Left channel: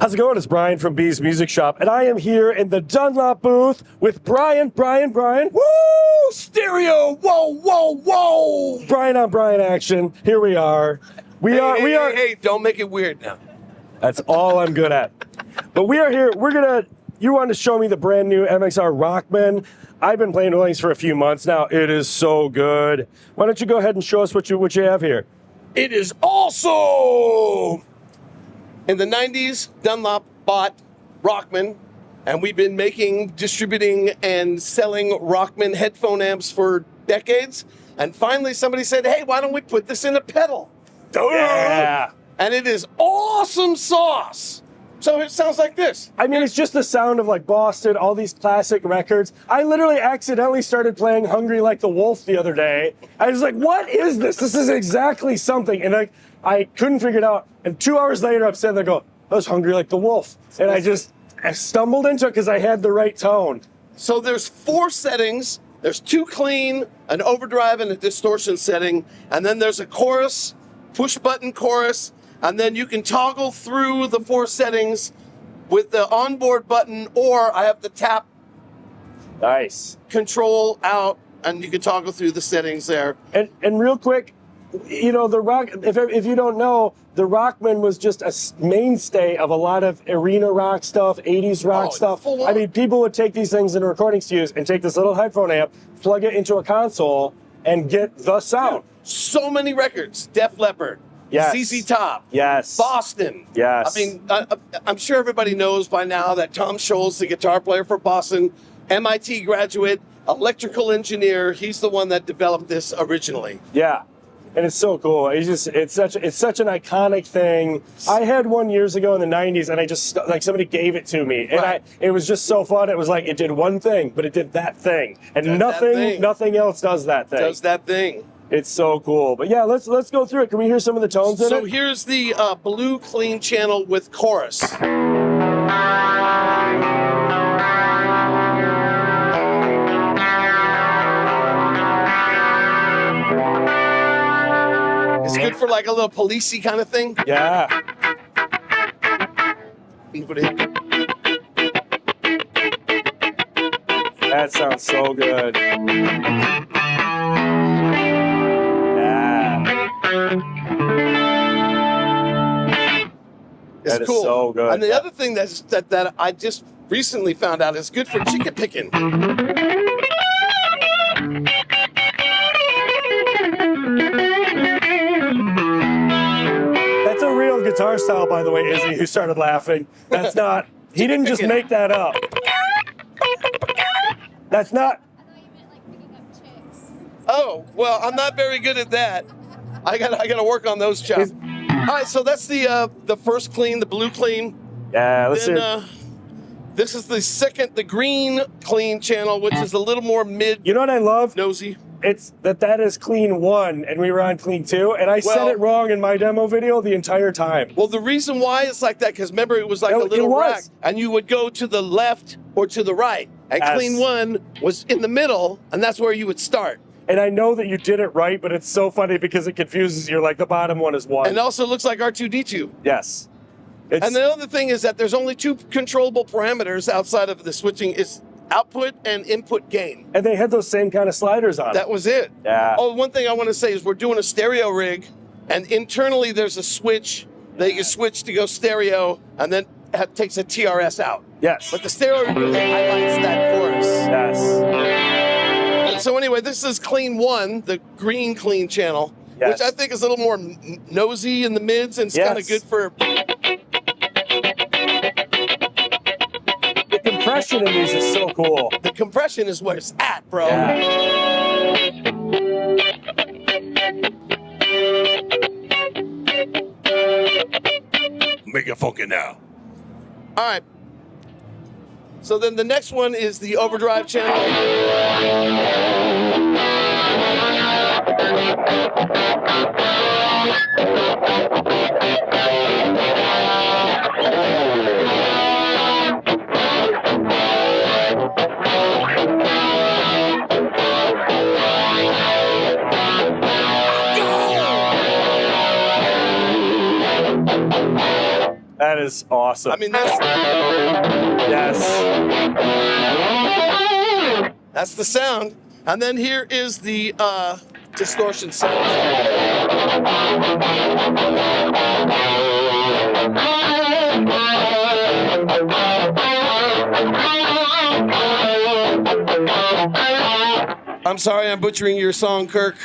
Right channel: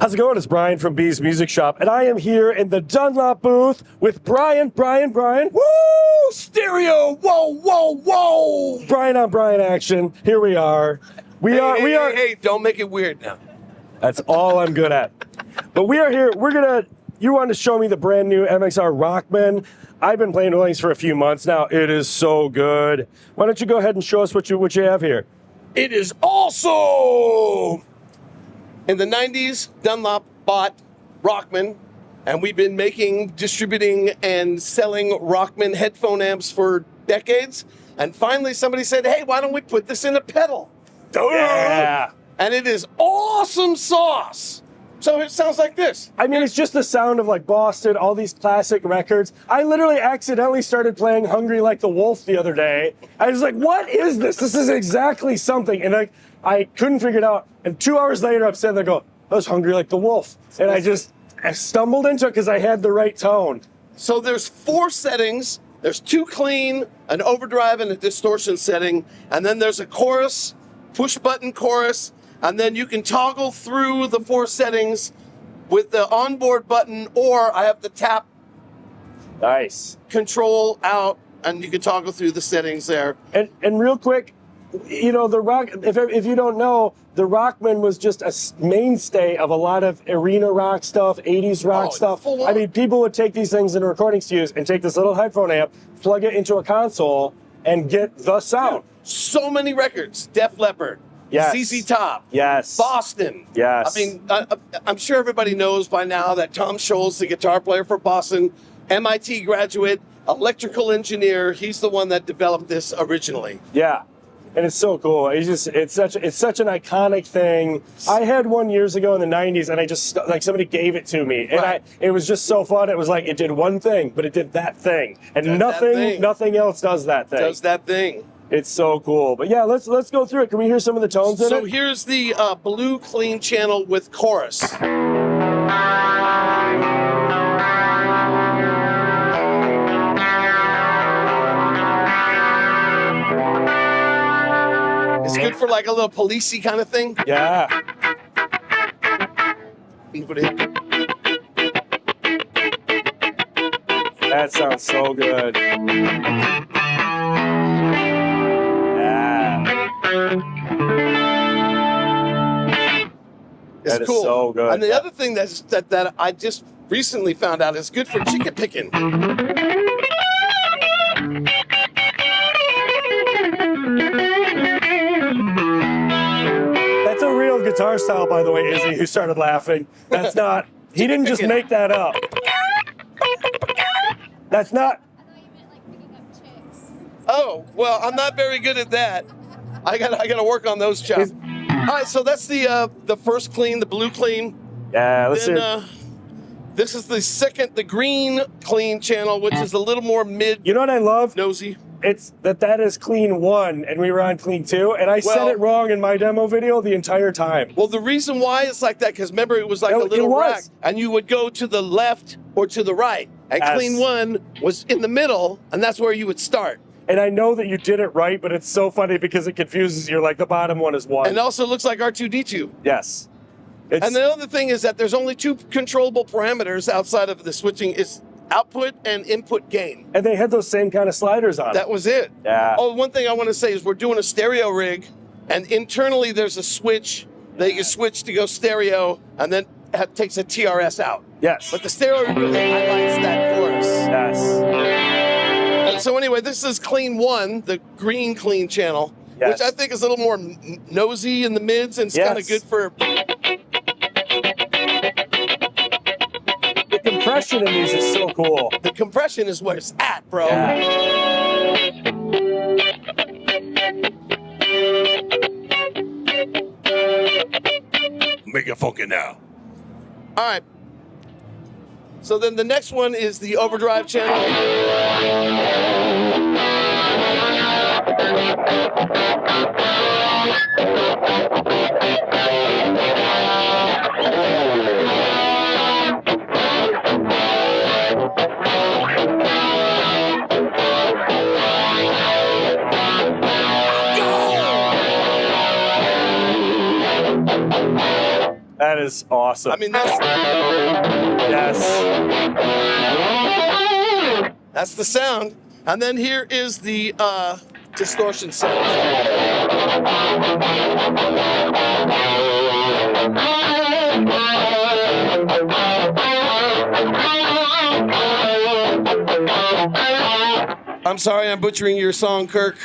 How's it going? It's Brian from B's Music Shop, and I am here in the Dunlop booth with Brian. Woo! Stereo! Whoa, whoa, whoa! Brian on Brian action. Here we are. We are. Hey, don't make it weird now. That's all I'm good at. But we are here. You wanted to show me the brand new MXR Rockman. I've been playing with these for a few months now. It is so good. Why don't you go ahead and show us what you have here? It is awesome! In the 90s, Dunlop bought Rockman, and we've been making, distributing, and selling Rockman headphone amps for decades. And finally, somebody said, hey, why don't we put this in a pedal? Yeah. And it is awesome sauce. So it sounds like this. I mean, it's just the sound of like Boston, all these classic records. I literally accidentally started playing Hungry Like the Wolf the other day. I was like, what is this? This is exactly something. And I couldn't figure it out. And 2 hours later, I'm sitting there going, I was hungry like the wolf. And I stumbled into it because I had the right tone. So there's 4 settings. There's 2 clean, an overdrive, and a distortion setting. And then there's a chorus, push button chorus. And then you can toggle through the 4 settings with the onboard button, or I have to tap control out, and you can toggle through the settings there. And real quick, you know, if you don't know, the Rockman was just a mainstay of a lot of arena rock stuff, 80s rock stuff. I mean, people would take these things in recording studios and take this little headphone amp, plug it into a console, and get the sound. So many records. Def Leppard. Yes. ZZ Top. Yes. Boston. Yes. I mean, I'm sure everybody knows by now that Tom Scholz, the guitar player for Boston, MIT graduate, electrical engineer, he's the one that developed this originally. Yeah. And it's so cool. It's such an iconic thing. I had one years ago in the 90s, and I just, like, somebody gave it to me. And it was just so fun. It was like, it did one thing, but it did that thing. And nothing else does that thing. It's so cool. But yeah, let's go through it. Can we hear some of the tones in it? So here's the blue clean channel with chorus. It's good for like a little policey kind of thing. Yeah. That sounds so good. Yeah. It's cool. So good. And the other thing that I just recently found out is good for chicken picking. That's a real guitar style, by the way, Izzy, who started laughing. That's not, he didn't just make that up. That's not. Oh, well, I'm not very good at that. I gotta work on those chops. All right, so that's the first clean, the blue clean. Yeah, let's see. This is the second, the green clean channel, which is a little more mid. You know what I love? Nosy. It's that is clean 1, and we were on clean 2, and I said it wrong in my demo video the entire time. Well, the reason why it's like that, because remember, it was like a little rack, and you would go to the left or to the right, and clean 1 was in the middle, and that's where you would start. And I know that you did it right, but it's so funny because it confuses you. Like the bottom one is 1. And it also looks like R2-D2. Yes. And the other thing is that there's only 2 controllable parameters outside of the switching. It's output and input gain. And they had those same kind of sliders on. That was it. Yeah. Oh, one thing I want to say is we're doing a stereo rig, and internally there's a switch that you can switch to go stereo, and then it takes a TRS out. Yes. But the stereo really highlights that chorus. Yes. And so anyway, this is clean 1, the green clean channel, which I think is a little more nosy in the mids, and it's kind of good for. The compression in these is so cool. The compression is where it's at, bro. Yeah. Make it funky now. All right. So then the next one is the overdrive channel. That is awesome. I mean, yes. That's the sound. And then here is the distortion sound. I'm sorry I'm butchering your song, Kirk.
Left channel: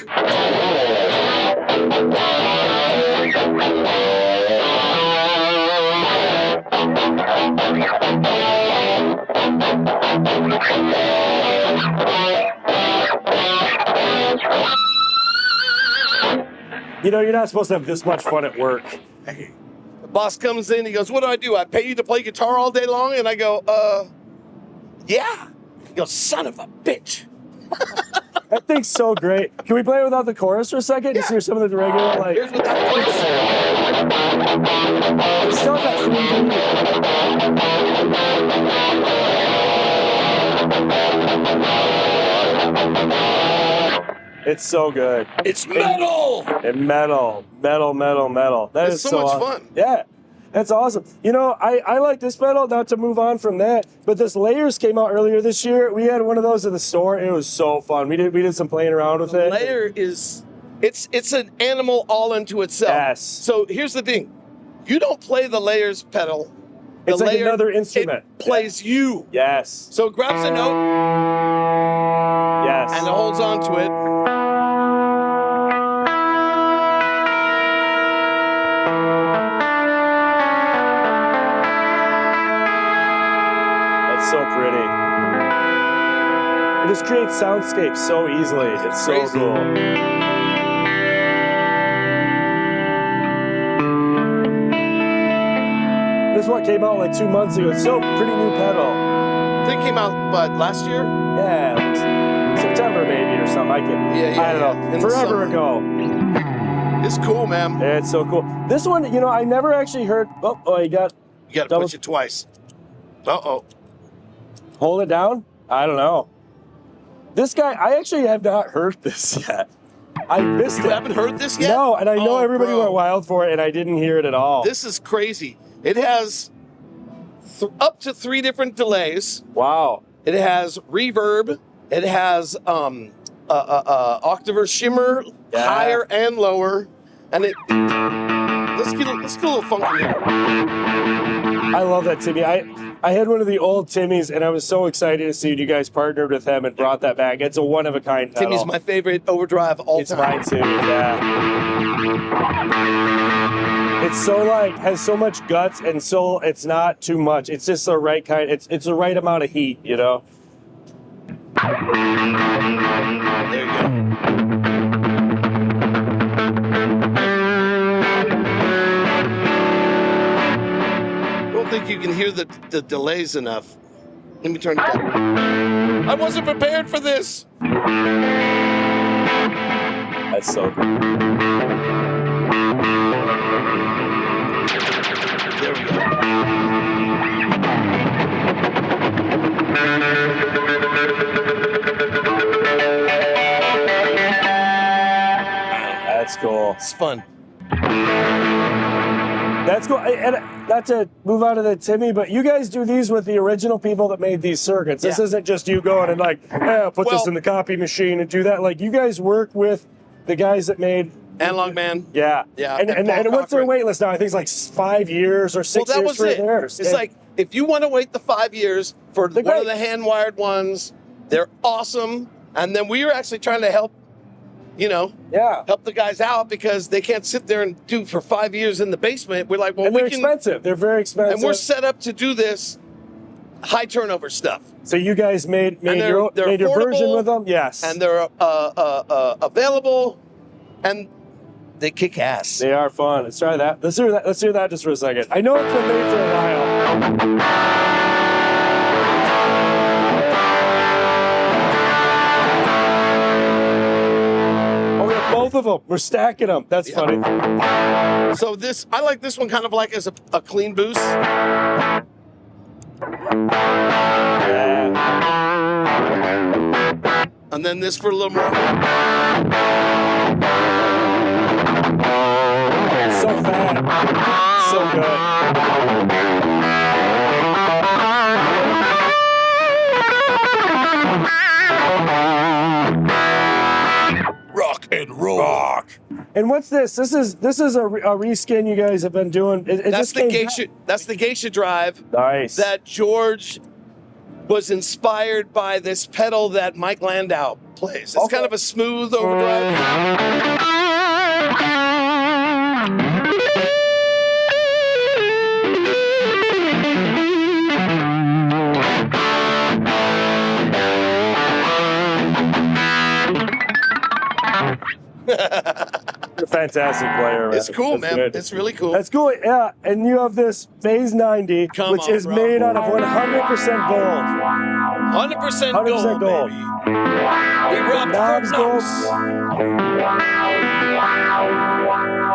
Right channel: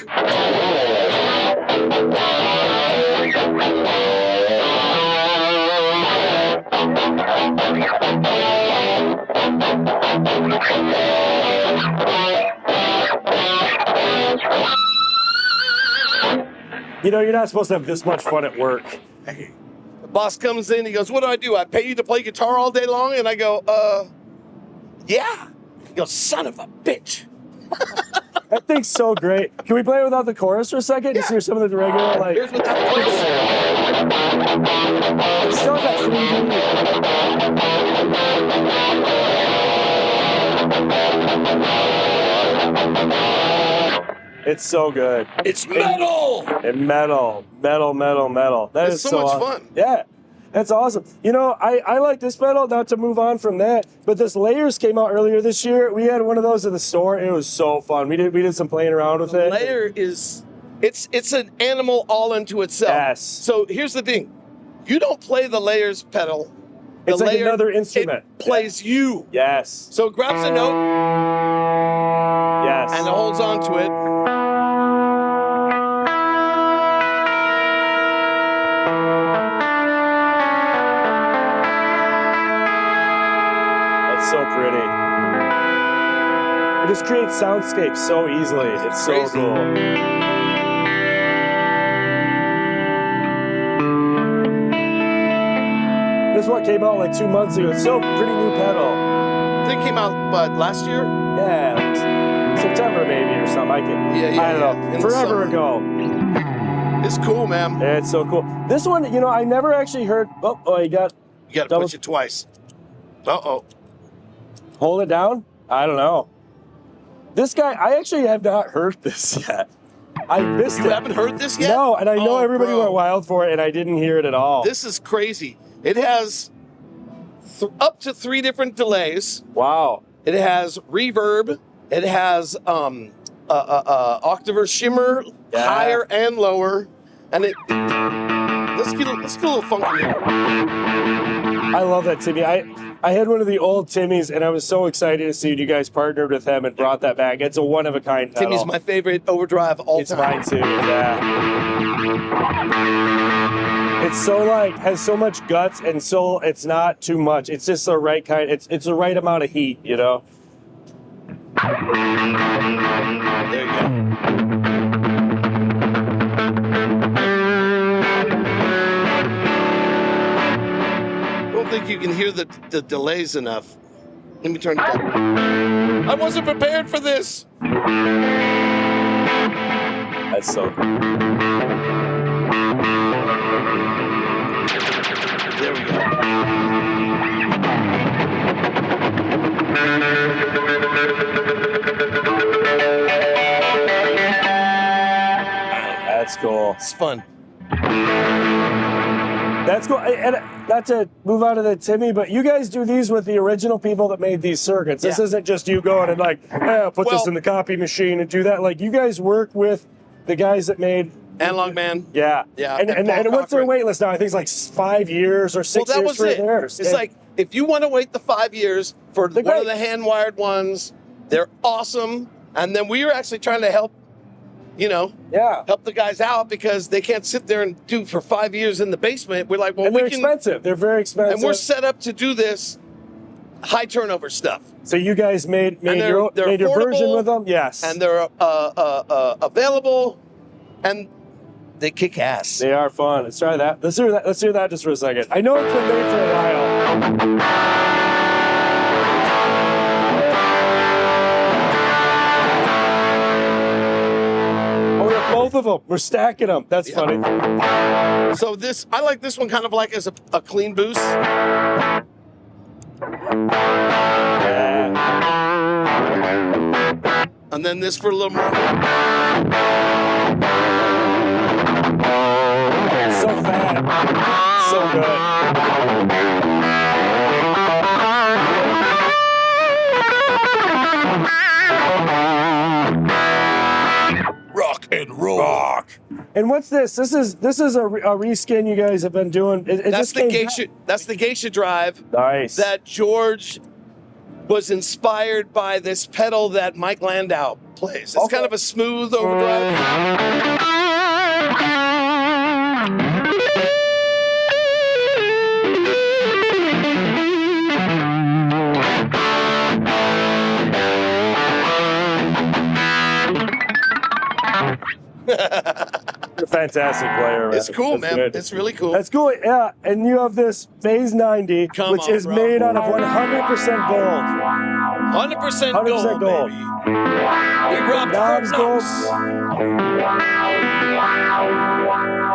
You know, you're not supposed to have this much fun at work. The boss comes in, he goes, what do? I pay you to play guitar all day long? And I go, yeah. He goes, son of a bitch. That thing's so great. Can we play it without the chorus for a second? Just hear some of the regular, like... Here's without the chorus. It still has that 3D. It's so good. It's metal! And metal. That It's is so much awesome. fun. Yeah, that's awesome. You know, I like this pedal, not to move on from that, but this Layers came out earlier this year. We had one of those at the store. It was so fun. We did some playing around with it. Layer is, it's an animal all unto itself. Yes. So here's the thing. You don't play the Layers pedal. The It's like layer, another instrument. It plays you. Yes. So it grabs a note Yes. and it holds on to it. It's so pretty. It just creates soundscapes so easily. It's so Crazy. cool. This one came out like 2 months ago. It's still a pretty new pedal. I think it came out, but last year? Yeah, like September maybe or something. I don't know. In the Forever summer. ago. It's cool, man. It's so cool. This one, you know, I never actually heard. Oh, you got. You got to double- push it twice. Uh-oh. Hold it down? I don't know. This guy, I actually have not heard this yet. I missed it. You haven't heard this yet? No, and I know Oh, everybody bro. went wild for it, and I didn't hear it at all. This is crazy. It has up to 3 different delays. Wow. It has reverb. It has octaver shimmer, Yeah. higher and lower. And it. Let's get a little funky here. I love that Timmy. I had one of the old Timmys, and I was so excited to see you guys partnered with him and brought that back. It's a one-of-a-kind pedal. Timmy's my favorite overdrive all It's time. mine too, yeah. It's so like, has so much guts, and so it's not too much. It's just the right kind, it's the right amount of heat, you know? There you go. I don't think you can hear the delays enough. Let me turn it down. I wasn't prepared for this. That's so cool. There we go. That's cool. It's fun. That's cool. And not to move on to the Timmy, but you guys do these with the original people that made these circuits. This Yeah. isn't just you going and like, I'll put this Well- in the copy machine and do that. Like, you guys work with the guys that made. Analog Man. Yeah. Yeah, And, and and, Paul what's their Cochran. wait list now? I think it's like 5 years or 6 Well, that years was for it. theirs. It's And- like, if you want to wait the 5 years for They're one of great. the hand-wired ones, they're awesome. And then we were actually trying to help, yeah. help the guys out because they can't sit there and do for 5 years in the basement. We're like, well, And we they're can. expensive. They're very expensive. And we're set up to do this high turnover stuff. So you guys made they're your version affordable, with them? Yes. And they're available, and they kick ass. They are fun. Let's try that. Let's hear that just for a second. I know it's been made for a while. Oh, we have both of them. We're stacking them. That's Yeah. funny. So I like this one kind of like as a clean boost. Yeah. And then this for a little more. So fat. so good. Rock and roll. Rock. And what's this? This is a reskin you guys have been doing. That's the geisha. That's the geisha drive. Nice. That George was inspired by this pedal that Mike Landau plays. It's kind of a smooth overdrive. You're a fantastic player, man. It's cool, man. Good. It's really cool. That's cool, yeah. And you have this Phase 90, which is made out of 100% gold. 100% gold, baby. We robbed Knobs Fort gold. Knox.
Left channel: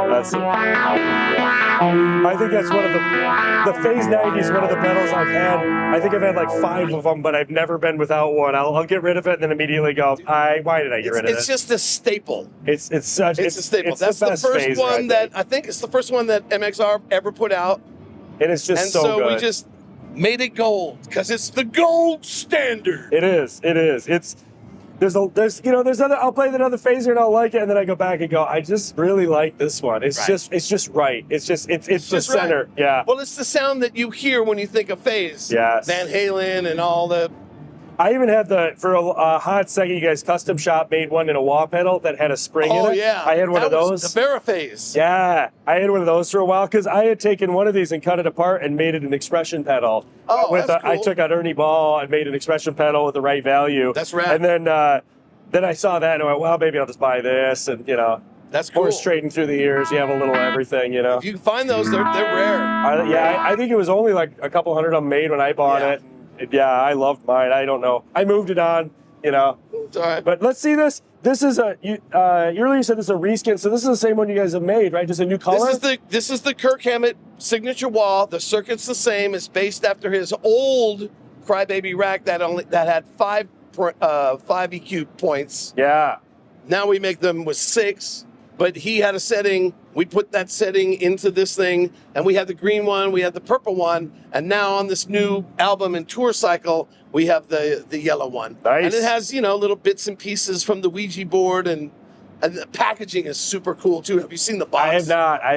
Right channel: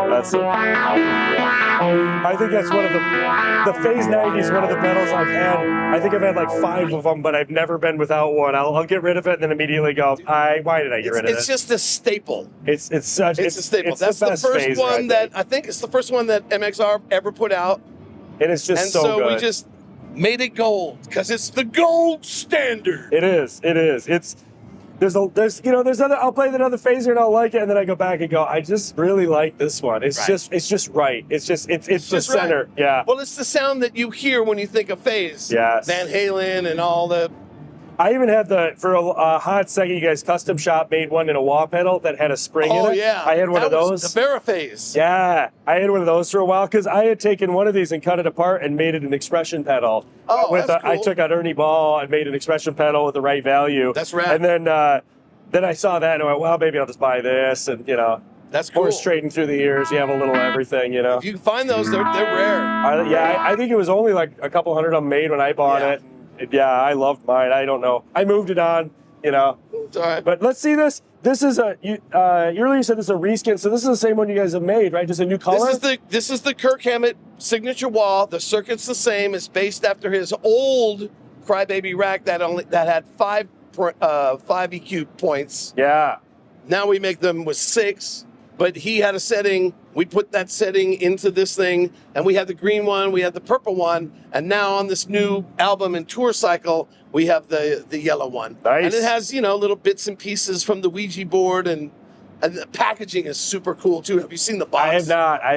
That's it. I think that's one of the Phase 90 is one of the pedals I've had. I think I've had like 5 of them, but I've never been without one. I'll get rid of it and then immediately go, why did I get rid of it? It's just a staple. It's a staple. That's the best first phaser, one I think it's the first one that MXR ever put out. And it's just And so good. we just made it gold because it's the gold standard. It is. There's other. I'll play another phaser and I'll like it, and then I go back and go, I just really like this one. It's just right. It's the center. Right. Yeah. Well, it's the sound that you hear when you think of phase. Yes. Van Halen and all the. I even had for a hot second, you guys custom shop made one in a wah pedal that had a spring in it. Oh yeah. I had one of those. The Veraphase. Yeah, I had one of those for a while because I had taken one of these and cut it apart and made it an expression pedal. Oh, that's cool. I took out Ernie Ball and made an expression pedal with the right value. That's rad. And then I saw that and I went, well, maybe I'll just buy this. And, That's cool. horse trading through the years, you have a little everything, If you can find those, they're rare. I think it was only like a couple hundred of them made when I bought it. Yeah, I loved mine. I don't know. I moved it on, It's all right. But let's see this. This is earlier you said this is a reskin, so this is the same one you guys have made, right? Just a new color? This is the Kirk Hammett signature wah. The circuit's the same. It's based after his old Crybaby rack that had 5 EQ points. Yeah. Now we make them with 6, but he had a setting. We put that setting into this thing, and we had the green one, we had the purple one, and now on this new album and tour cycle, we have the yellow one. Nice. And it has, little bits and pieces from the Ouija board, and the packaging is super cool too. Have you seen the box? I have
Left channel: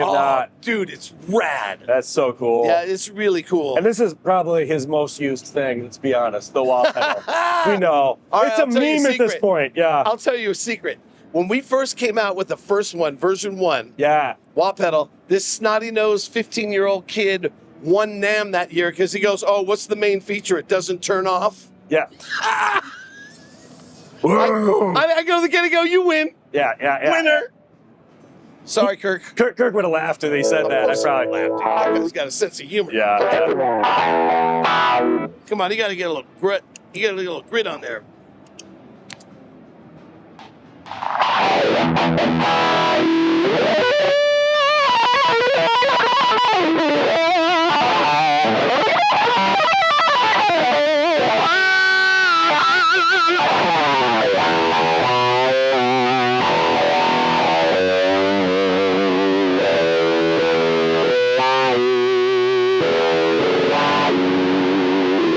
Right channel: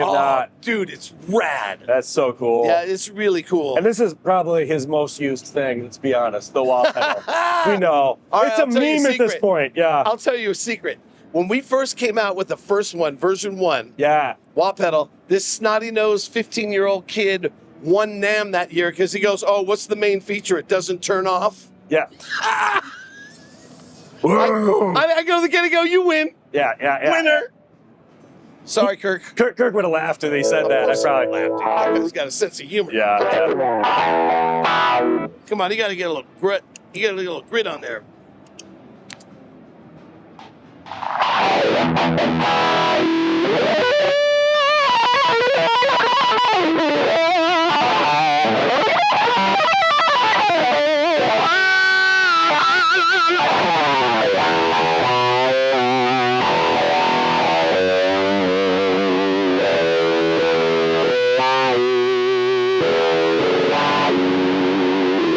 not. Dude, it's rad. That's so cool. Yeah, it's really cool. And this is probably his most used thing, let's be honest, the wah pedal. We know. All right, It's a I'll tell you a meme at this secret. point, yeah. I'll tell you a secret. When we first came out with the first one, version 1, Yeah. wah pedal, this snotty-nosed 15-year-old kid won NAMM that year because he goes, oh, what's the main feature? It doesn't turn off. Yeah. I go, you win. Yeah. Winner. Sorry, Kirk. Kirk would have laughed if he said that. I Of course probably laughed. That guy's got a sense of humor. Yeah. Come on, you got to get a little grit. You got to get a little grit on there.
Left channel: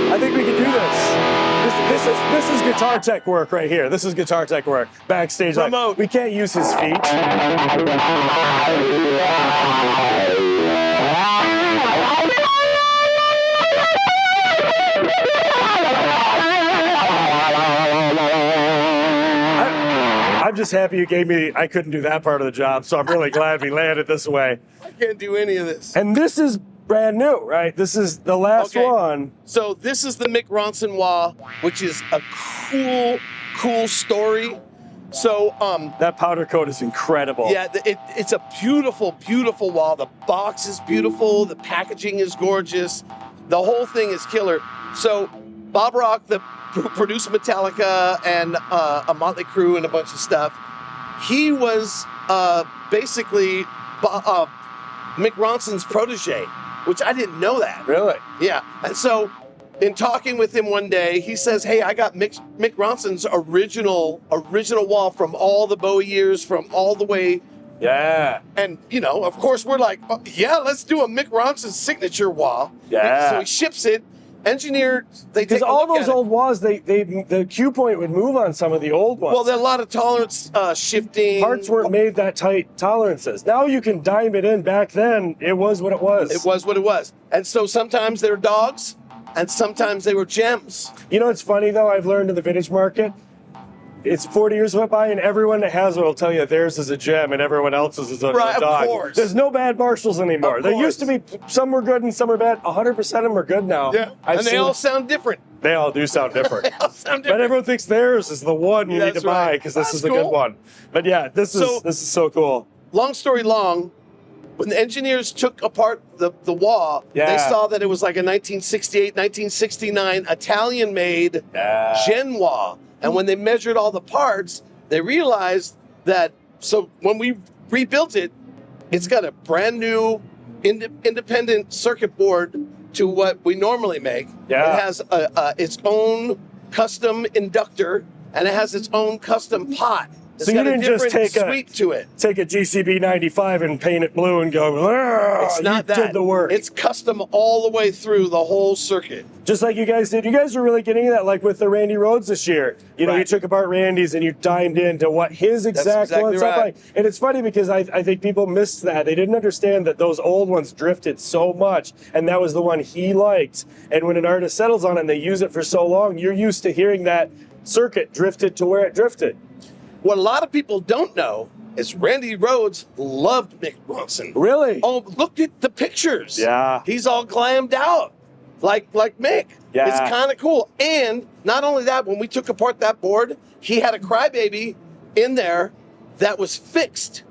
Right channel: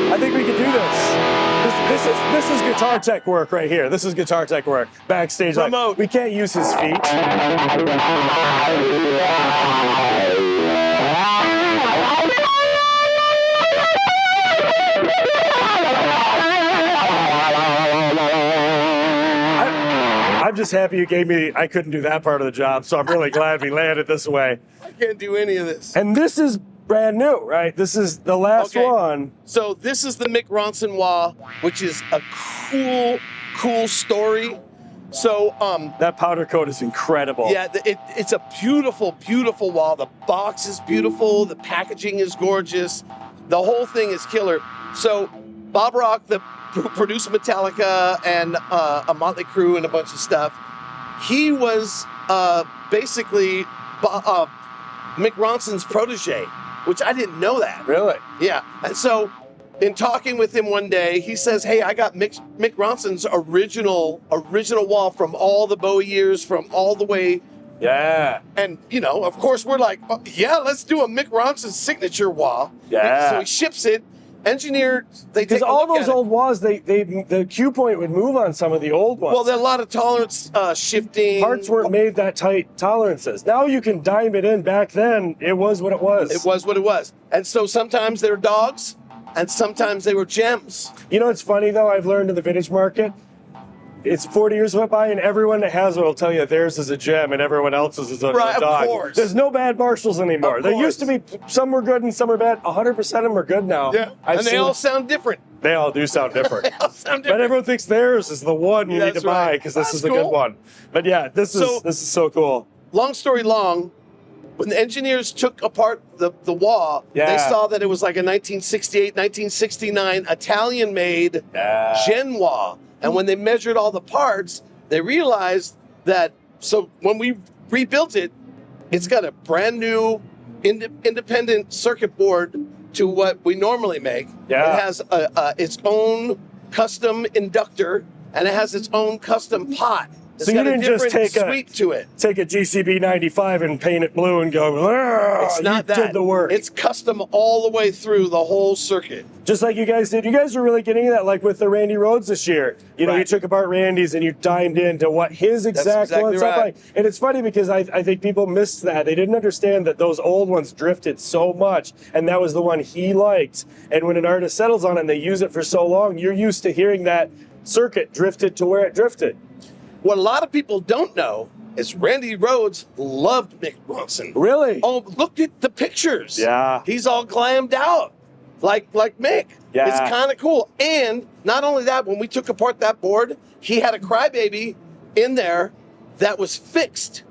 I think we can do this. This is guitar tech work right here. This is guitar tech work. Backstage, like, Remote. we can't use his feet. I'm just happy you gave me. I couldn't do that part of the job, so I'm really glad we landed this way. I can't do any of this. And this is brand new, right? This is the last one. So this is the Mick Ronson Wah, which is a cool story. So that powder coat is incredible. yeah, it's a beautiful wah. The box is beautiful. The packaging is gorgeous. The whole thing is killer. So Bob Rock, who produced Metallica and a Motley Crue and a bunch of stuff, he was basically Mick Ronson's protege, which I didn't know that. Really? Yeah. And so in talking with him one day, he says, hey, I got Mick Ronson's original wall from all the Bowie years, from all the way Yeah. And, you know, of course, we're like, oh, yeah, let's do a Mick Ronson signature wah. Yeah. So he ships it. Engineer, they take Because a all look those at it. old wahs, the cue point would move on some of the old ones. Well, there are a lot of tolerance shifting. Parts weren't made that tight tolerances. Now you can dime it in. Back then, it was what it was. It was what it was. And so sometimes they were dogs, and sometimes they were gems. You know what's funny, though, I've learned in the vintage market? It's 40 years went by, and everyone that has one will tell you theirs is a gem and everyone else's is a Right, of dog. course. There's no bad Marshalls anymore. Of There used to course. be, some were good and some were bad. 100% of them are good now. Yeah. I've And they seen all them. sound different. They all do sound different. They all sound But different. everyone thinks theirs is the one you need That's to buy right. because this That's is the cool. good one. But yeah, this is so cool. Long story long, when the engineers took apart the wah, Yeah. they saw that it was like a 1968, 1969 Italian-made Yeah. Gen wah. And when they measured all the parts, they realized that, so when we rebuilt it, it's got a brand new independent circuit board to what we normally make. Yeah. It has its own custom inductor, and it has its own custom pot. It's So you got didn't a just different take sweep to it. Take a GCB 95 and paint it blue and go, "Argh," It's not you that. did the work. It's custom all the way through the whole circuit. Just like you guys did. You guys were really getting that, like with the Randy Rhodes this year. You know, you Right. took apart Randy's and you dimed into what his exact exactly ones up right. like. And it's funny because I think people missed that. They didn't understand that those old ones drifted so much, and that was the one he liked. And when an artist settles on it and they use it for so long, you're used to hearing that circuit drifted to where it drifted. What a lot of people don't know is Randy Rhodes loved Mick Ronson. Really? Oh, look at the pictures. Yeah. He's all glammed out, like Mick. Yeah. It's kind of cool. And not only that, when we took apart that board, he had a crybaby in there that was fixed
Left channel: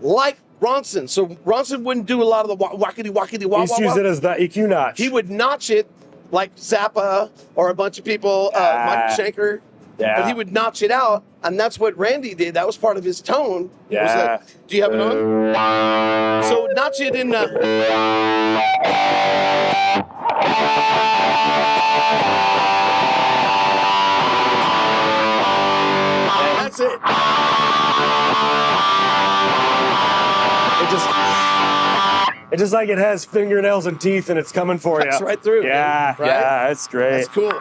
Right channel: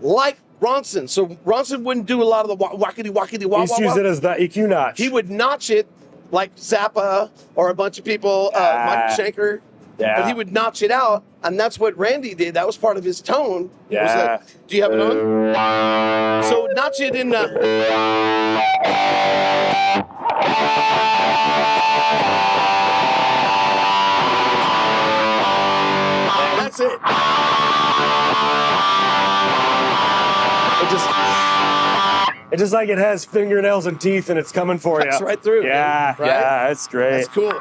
like Ronson. So Ronson wouldn't do a lot of the wackety wah He wah used to use wah. it as the EQ notch. He would notch it like Zappa or a bunch of people, Mike Schenker. Yeah. But he would notch it out, and that's what Randy did. That was part of his tone. Was Yeah. that, do you have it on? So notch it in. That's it. It just like it has fingernails and teeth and it's coming for you. Cuts right through, Yeah, right? yeah, it's great. That's cool.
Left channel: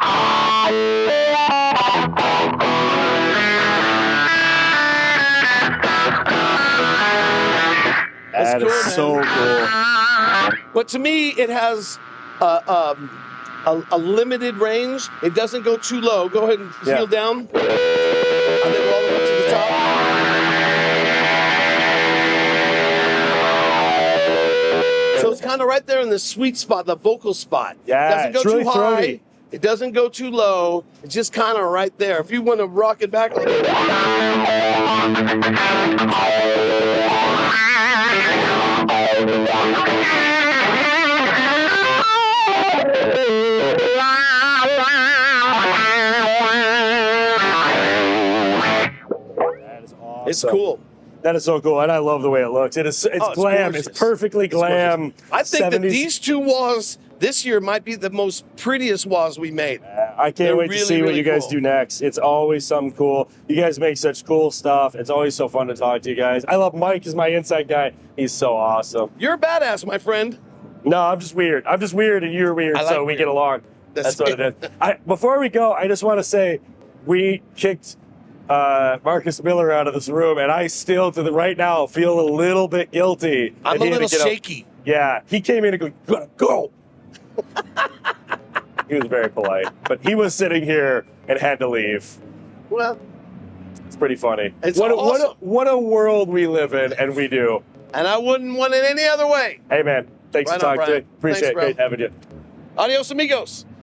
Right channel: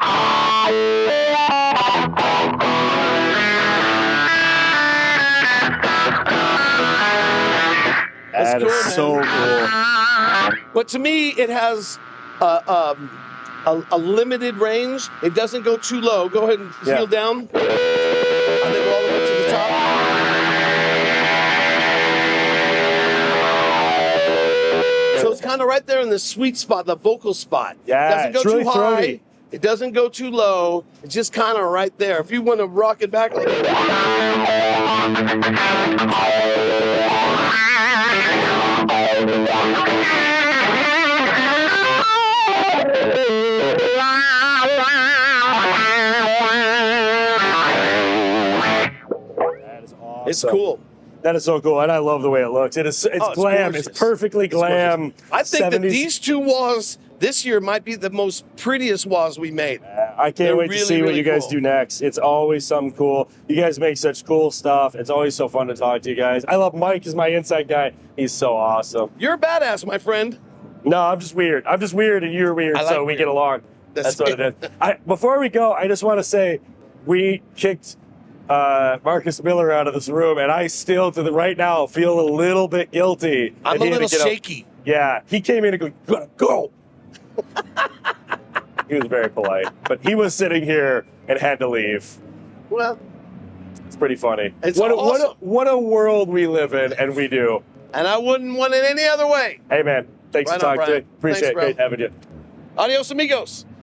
That cool, is man. so cool. But to me, it has a limited range. It doesn't go too low. Go ahead and heel down. And then go all the way up to the top. So it's kind of right there in the sweet spot, the vocal spot. Yeah, It doesn't go it's really too high. throaty. It doesn't go too low. It's just kind of right there. If you want to rock it back a little bit. That is awesome. It's cool. That is so cool, and I love the way it looks. It's it's glam. gorgeous. It's perfectly glam. I think 70s. that these two walls this year might be the most prettiest walls we made. I can't They're wait to really, see what really you guys cool. do next. It's always something cool. You guys make such cool stuff. It's always so fun to talk to you guys. I love Mike as my inside guy. He's so awesome. You're a badass, my friend. No, I'm just weird. I'm just weird, and you're weird, I like so we weird. get along. That's That's what it is. Before we go, I just want to say we kicked Marcus Miller out of this room, and I still, right now, feel a little bit guilty. I'm And a he had little to get up. shaky. Yeah, he came in and go, "You gotta go." He was very polite, but he was sitting here and had to leave. Well, It's pretty funny. It's what awesome. what a world we live in, and we do. and I wouldn't want it any other way. Hey, man, thanks Right for on, talking to me. Brian. Appreciate Thanks, it. bro. Great having you. Adios, amigos.